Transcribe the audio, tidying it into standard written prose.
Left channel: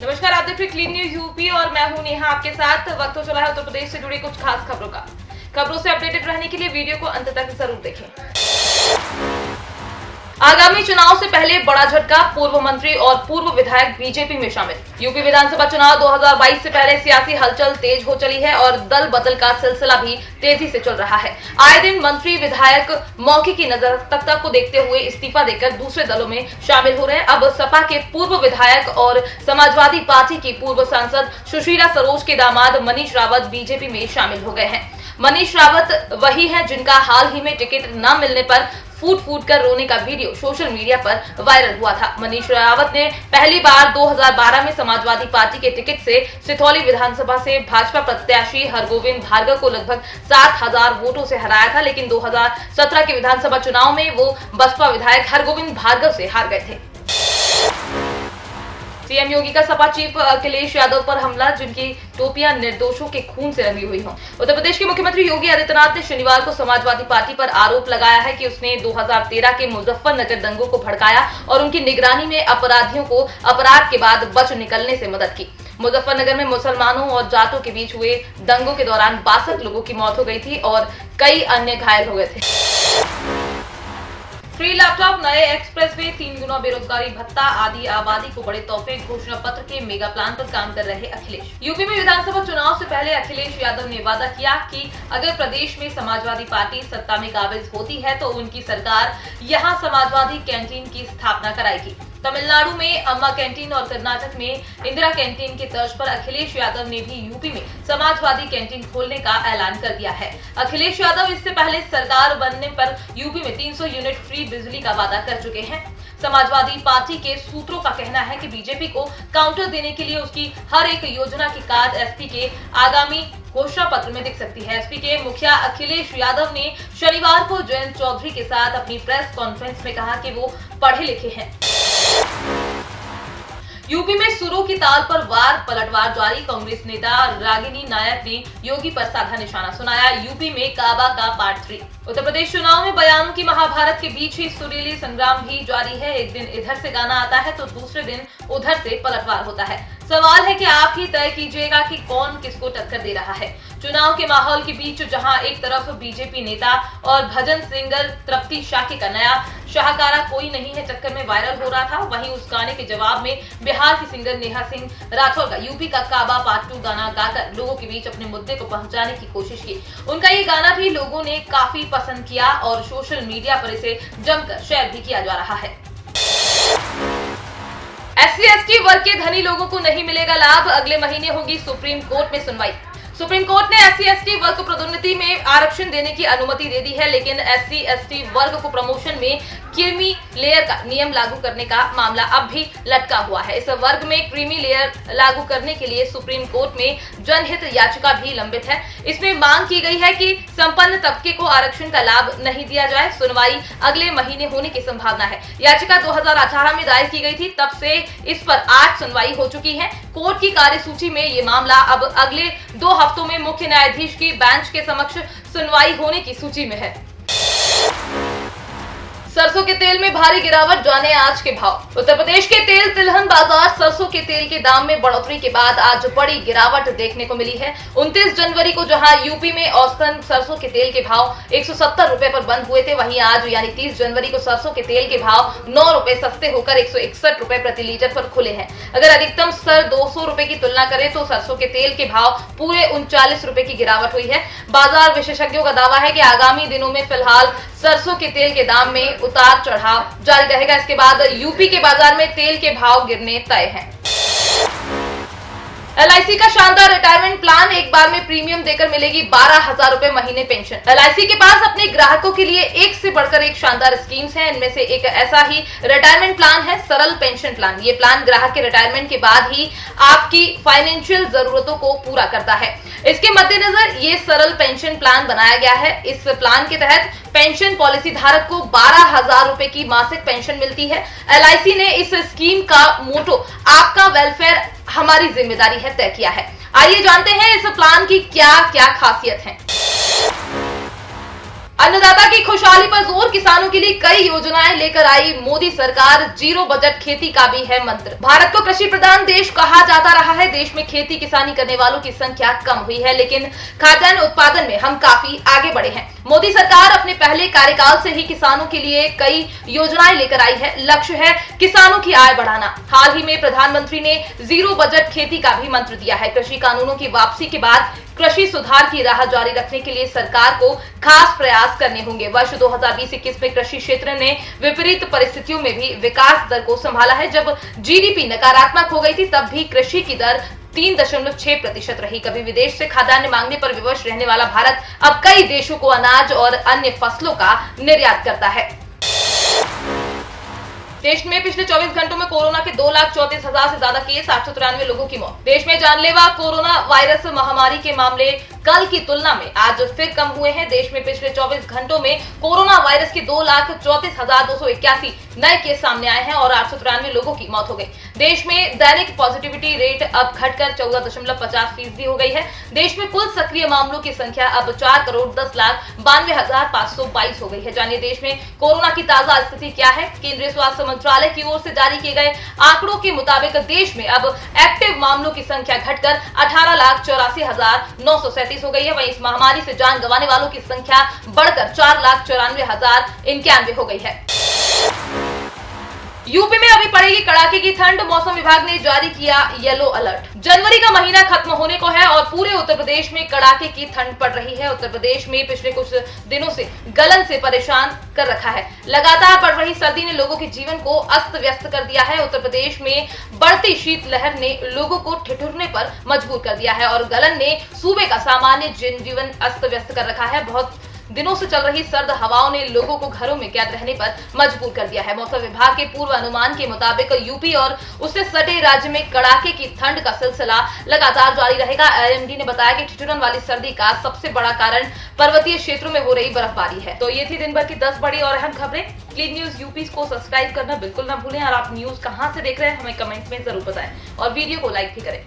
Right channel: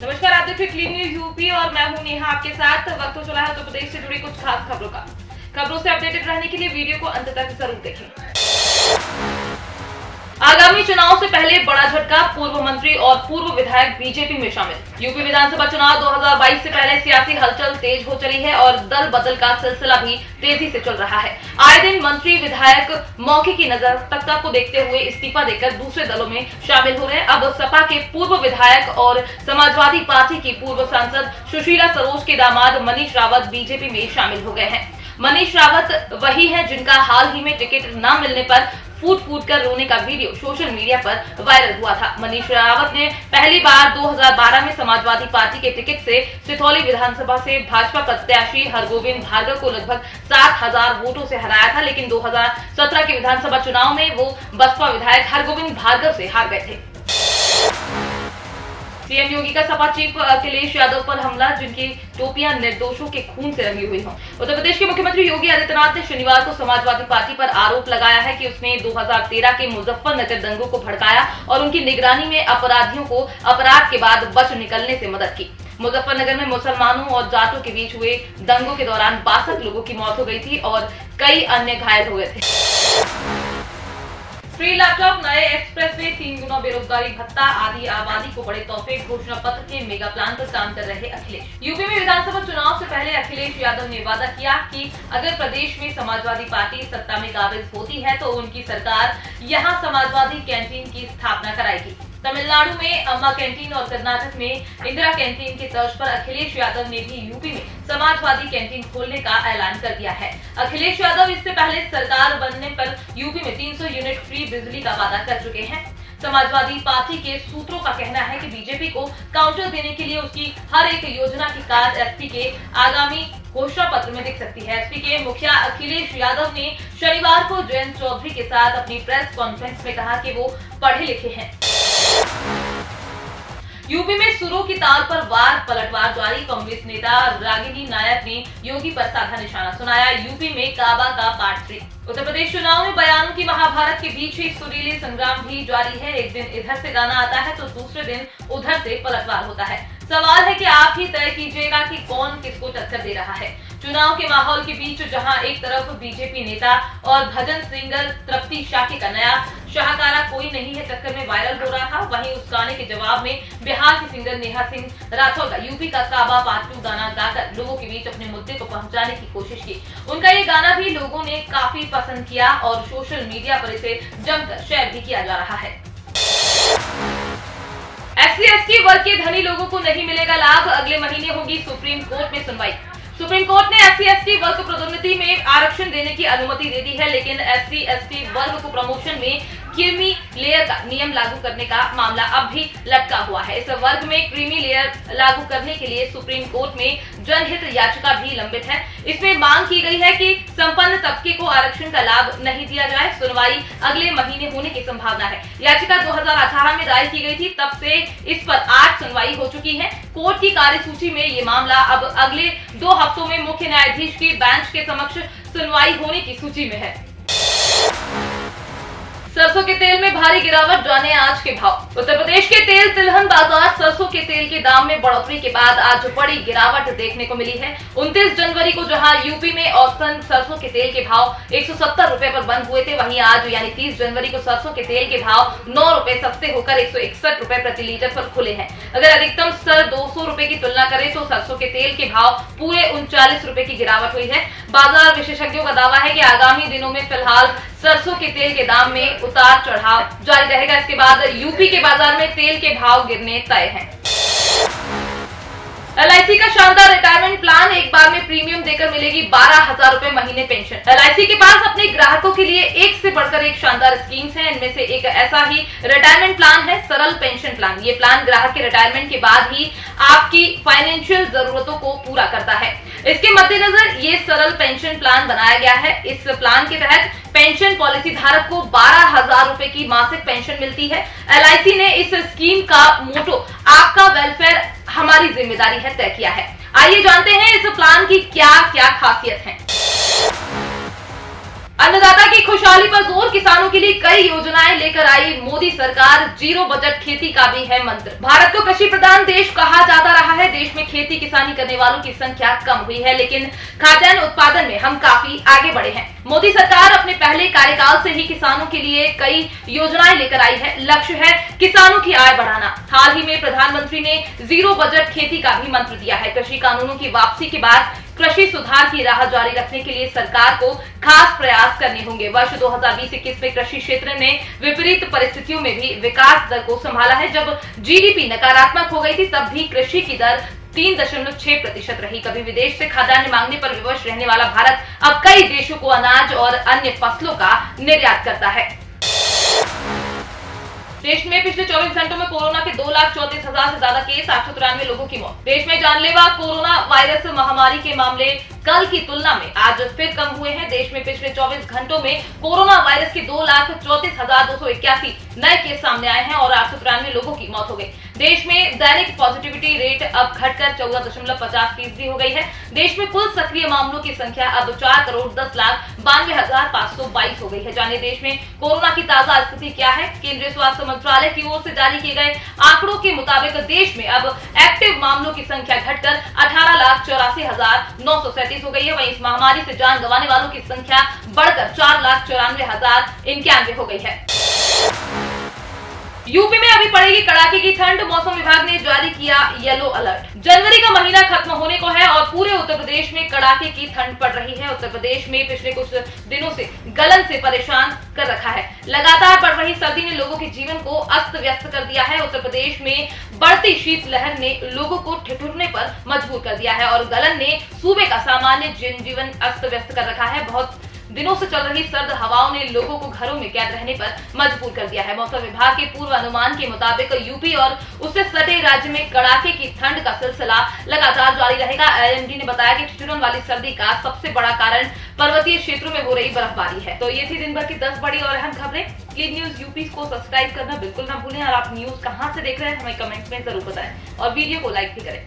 नमस्कार, आप देख रहे क्लीन न्यूज यूपी और मैं हूं नेहा आपके साथ। वक्त हो चला है उत्तर प्रदेश से जुड़ी कुछ खास खबरों का। खबरों से अपडेटेड रहने के लिए वीडियो को अंत तक जरूर देखें। आगामी चुनाव से पहले बड़ा झटका, पूर्व मंत्री और पूर्व विधायक बीजेपी में शामिल। यूपी विधानसभा चुनाव 2022 से पहले सियासी हलचल तेज हो चली है और दल बदल का सिलसिला भी तेजी से चल रहा है। आए दिन मंत्री विधायक मौके की नजरता को देखते हुए इस्तीफा देकर दूसरे दलों में शामिल हो रहे हैं। अब सपा के पूर्व विधायक और समाजवादी पार्टी की पूर्व सांसद सुशीला सरोज के दामाद मनीष रावत बीजेपी में शामिल हो गए हैं। मनीष रावत वही है जिनका हाल ही में टिकट न मिलने पर फूट फूट कर रोने का वीडियो सोशल मीडिया पर वायरल हुआ था। मनीष रावत ने पहली बार 2012 में समाजवादी पार्टी के टिकट से सिथौली विधानसभा से भाजपा प्रत्याशी हरगोविंद भार्गव को लगभग 7,000 वोटों से हराया था, लेकिन 2017 के विधानसभा चुनाव में वो बसपा विधायक हरगोविंद भार्गव से हार गए थे। सीएम योगी का सपा चीफ अखिलेश यादव पर हमला, जिनकी टोपियां निर्दोषों के खून से रंगी हुई हों। उत्तर प्रदेश के मुख्यमंत्री योगी आदित्यनाथ ने शनिवार को समाजवादी पार्टी पर आरोप लगाया है कि उसने 2013 के मुजफ्फरनगर दंगों को भड़काया और उनकी निगरानी में अपराधियों को अपराध के बाद बच निकलने से मदद की। मुजफ्फरनगर में मुसलमानों और जाटों के बीच हुए दंगों के दौरान 62 लोगों की मौत हो गई थी और कई अन्य घायल हो गए थे। फ्री लैपटॉप, नए एक्सप्रेसवे, 3 गुना बेरोजगारी भत्ता आदि आबादी को बड़े तोहफे, घोषणा पत्र के मेगा प्लान पर काम कर रहे अखिलेश। यूपी में विधानसभा चुनाव से पहले अखिलेश यादव ने वादा किया कि अगर प्रदेश में समाजवादी पार्टी सत्ता में काबिज होती है तो उनकी सरकार यहां समाजवादी कैंटीन की स्थापना कराएगी। तमिलनाडु में अम्मा कैंटीन और कर्नाटक में इंदिरा कैंटीन की तर्ज पर अखिलेश यादव ने भी यूपी में समाजवादी कैंटीन खोलने का ऐलान कर दिया है। अखिलेश यादव इससे पहले सरकार बनने पर यूपी में 300 यूनिट फ्री बिजली का वादा कर चुके हैं। समाजवादी पार्टी के सूत्रों का कहना है कि बीजेपी को काउंटर देने के लिए उसकी हर एक योजना की कार्ड एसपी के आगामी घोषणा पत्र में दिख सकती है। एसपी के मुखिया अखिलेश यादव ने शनिवार को जयंत चौधरी के साथ अपनी प्रेस कॉन्फ्रेंस में कहा कि वो पढ़े लिखे हैं। यूपी में सुरों की ताल पर वार पलटवार जारी, कांग्रेस नेता रागिनी नायक ने योगी पर साधा निशाना सुनाया। यूपी में काबा का पार्ट 3। उत्तर प्रदेश चुनाव में बयानों की महाभारत के बीच ही सुरीली संग्राम भी जारी है। एक दिन इधर से गाना आता है तो दूसरे दिन उधर से पलटवार होता है। सवाल है कि आप ही तय कीजिएगा कि कौन किसको टक्कर दे रहा है। चुनाव के माहौल के बीच जहां एक तरफ बीजेपी नेता और भजन सिंगर तृप्ति शाकी का नया शाहकारा कोई नहीं है चक्कर में वायरल हो रहा था, वहीं उस गाने के जवाब में बिहार की सिंगर नेहा सिंह राठौर का यूपी का काबा पार्ट 2 गाना गाकर लोगों के बीच अपने मुद्दे को पहुंचाने की कोशिश की। उनका ये गाना भी लोगों ने काफी पसंद किया और सोशल मीडिया पर इसे जमकर शेयर भी किया जा रहा है। SC/ST वर्ग के धनी लोगों को नहीं मिलेगा लाभ, अगले महीने होगी सुप्रीम कोर्ट में सुनवाई। सुप्रीम कोर्ट ने SC/ST वर्ग को पदोन्नति में आरक्षण देने की अनुमति दे दी है, लेकिन SC/ST वर्ग को प्रमोशन में क्रीमी लेयर का नियम लागू करने का मामला अब भी लटका हुआ है। इस वर्ग में क्रीमी लेयर लागू करने के लिए सुप्रीम कोर्ट में जनहित याचिका भी लंबित है। इसमें मांग की गई है कि संपन्न तबके को आरक्षण का लाभ नहीं दिया जाए। सुनवाई अगले महीने होने की संभावना है। याचिका 2018 में दायर की गई थी, तब से इस पर 8 सुनवाई हो चुकी है। कोर्ट की कार्यसूची में ये मामला अब अगले 2 हफ्तों में मुख्य न्यायाधीश की बेंच के समक्ष सुनवाई होने की सूची में है। सरसों के तेल में भारी गिरावट, जाने आज के भाव। उत्तर प्रदेश के तेल तिलहन बाजार सरसों के तेल के दाम में बढ़ोतरी के बाद आज बड़ी गिरावट देखने को मिली है। 29 जनवरी को जहां यूपी में औसतन सरसों के तेल के भाव 170 रुपए पर बंद हुए थे, वहीं आज यानी 30 जनवरी को सरसों के तेल के भाव 9 रुपए सस्ते होकर 161 रुपए प्रति लीटर पर खुले हैं। अगर अधिकतम स्तर 200 रुपए की तुलना करें तो सरसों के तेल के भाव पूरे 39 रुपए की गिरावट हुई है। बाजार विशेषज्ञों का दावा है कि आगामी दिनों में फिलहाल सरसों के तेल के दाम में उतार चढ़ाव जारी रहेगा। इसके बाद यूपी के बाजार में तेल के भाव गिरने तय हैं। LIC का शानदार रिटायरमेंट प्लान, एक बार में प्रीमियम देकर मिलेगी 12,000 रुपए महीने पेंशन। LIC के पास अपने ग्राहकों के लिए एक से बढ़कर एक शानदार स्कीम्स हैं। इनमें से एक ऐसा ही रिटायरमेंट प्लान है सरल पेंशन प्लान। ये प्लान ग्राहक के रिटायरमेंट के बाद ही आपकी फाइनेंशियल जरूरतों को पूरा करता है। इसके मद्देनजर ये सरल पेंशन प्लान बनाया गया है। इस प्लान के तहत पेंशन पॉलिसी धारक को 12,000 रुपए की मासिक पेंशन मिलती है। LIC ने इस स्कीम का मोटो आपका वेलफेयर हमारी जिम्मेदारी है तय किया है। आइए जानते हैं इस प्लान की क्या क्या खासियत है। अन्नदाता की खुशहाली पर जोर, किसानों के लिए कई योजनाएं लेकर आई मोदी सरकार, जीरो बजट खेती का भी है मंत्र। भारत को कृषि प्रधान देश कहा जाता रहा है। देश में खेती किसानी करने वालों की संख्या कम हुई है, लेकिन खाद्यान्न उत्पादन में हम काफी आगे बढ़े हैं। मोदी सरकार अपने पहले कार्यकाल से ही किसानों के लिए कई योजनाएं लेकर आई है। लक्ष्य है किसानों की आय बढ़ाना। हाल ही में प्रधानमंत्री ने जीरो बजट खेती का भी मंत्र दिया है। कृषि कानूनों की वापसी के बाद कृषि सुधार की राह जारी रखने के लिए सरकार को खास प्रयास करने होंगे। वर्ष 2020-21 में कृषि क्षेत्र ने विपरीत परिस्थितियों में भी विकास दर को संभाला है। जब जीडीपी नकारात्मक हो गई थी, तब भी कृषि की दर 3.6% रही। कभी विदेश से खाद्यान्न मांगने पर विवश रहने वाला भारत अब कई देशों को अनाज और अन्य फसलों का निर्यात करता है। देश में पिछले 24 घंटों में कोरोना के 2,34,000 से ज्यादा केस, 893 लोगों की मौत। देश में जानलेवा कोरोना वायरस महामारी के मामले कल की तुलना में आज फिर कम हुए हैं। देश में पिछले 24 घंटों में कोरोना वायरस के 2,34,281 नए केस सामने आए हैं और 893 लोगों की मौत हो गई। देश में दैनिक पॉजिटिविटी रेट अब घटकर 14.50% हो गई है। देश में कुल सक्रिय मामलों की संख्या अब 4,10,92,522 हो गई है। जानिए देश में कोरोना की ताजा स्थिति क्या है। केंद्रीय स्वास्थ्य मंत्रालय की ओर से जारी किए गए आंकड़ों के मुताबिक देश में अब एक्टिव मामलों की संख्या घटकर 18,84,937 हो गई है। वहीं इस महामारी से जान गंवाने वालों की संख्या बढ़कर 4,94,091 हो गई है। यूपी में अभी पड़ेगी कड़ाके की ठंड। मौसम विभाग ने जारी किया येलो अलर्ट। जनवरी का महीना खत्म होने को है और पूरे उत्तर प्रदेश में कड़ाके की ठंड पड़ रही है। उत्तर प्रदेश में पिछले कुछ दिनों से गलन से परेशान कर रखा है। लगातार बढ़ रही सर्दी ने लोगों के जीवन को अस्त व्यस्त कर दिया है। उत्तर प्रदेश में बढ़ती शीतलहर ने लोगों को ठिठुरने पर मजबूर कर दिया है और गलन ने सूबे का सामान्य जनजीवन अस्त व्यस्त कर रखा है। बहुत दिनों से चल रही सर्द हवाओं ने लोगों को घरों में कैद रहने पर मजबूर कर दिया है। मौसम विभाग के पूर्व अनुमान के मुताबिक यूपी और उससे सटे राज्य में कड़ाके की ठंड का सिलसिला लगातार जारी रहेगा। आईएमडी ने बताया कि ठिठुरन वाली सर्दी का सबसे बड़ा कारण पर्वतीय क्षेत्रों में हो रही बर्फबारी है। तो ये थी दिन भर की 10 बड़ी और अहम खबरें। क्लीन न्यूज यूपी को सब्सक्राइब करना बिल्कुल ना भूलें और आप न्यूज कहां से देख रहे हैं हमें कमेंट में जरूर बताएं और वीडियो को लाइक भी करें।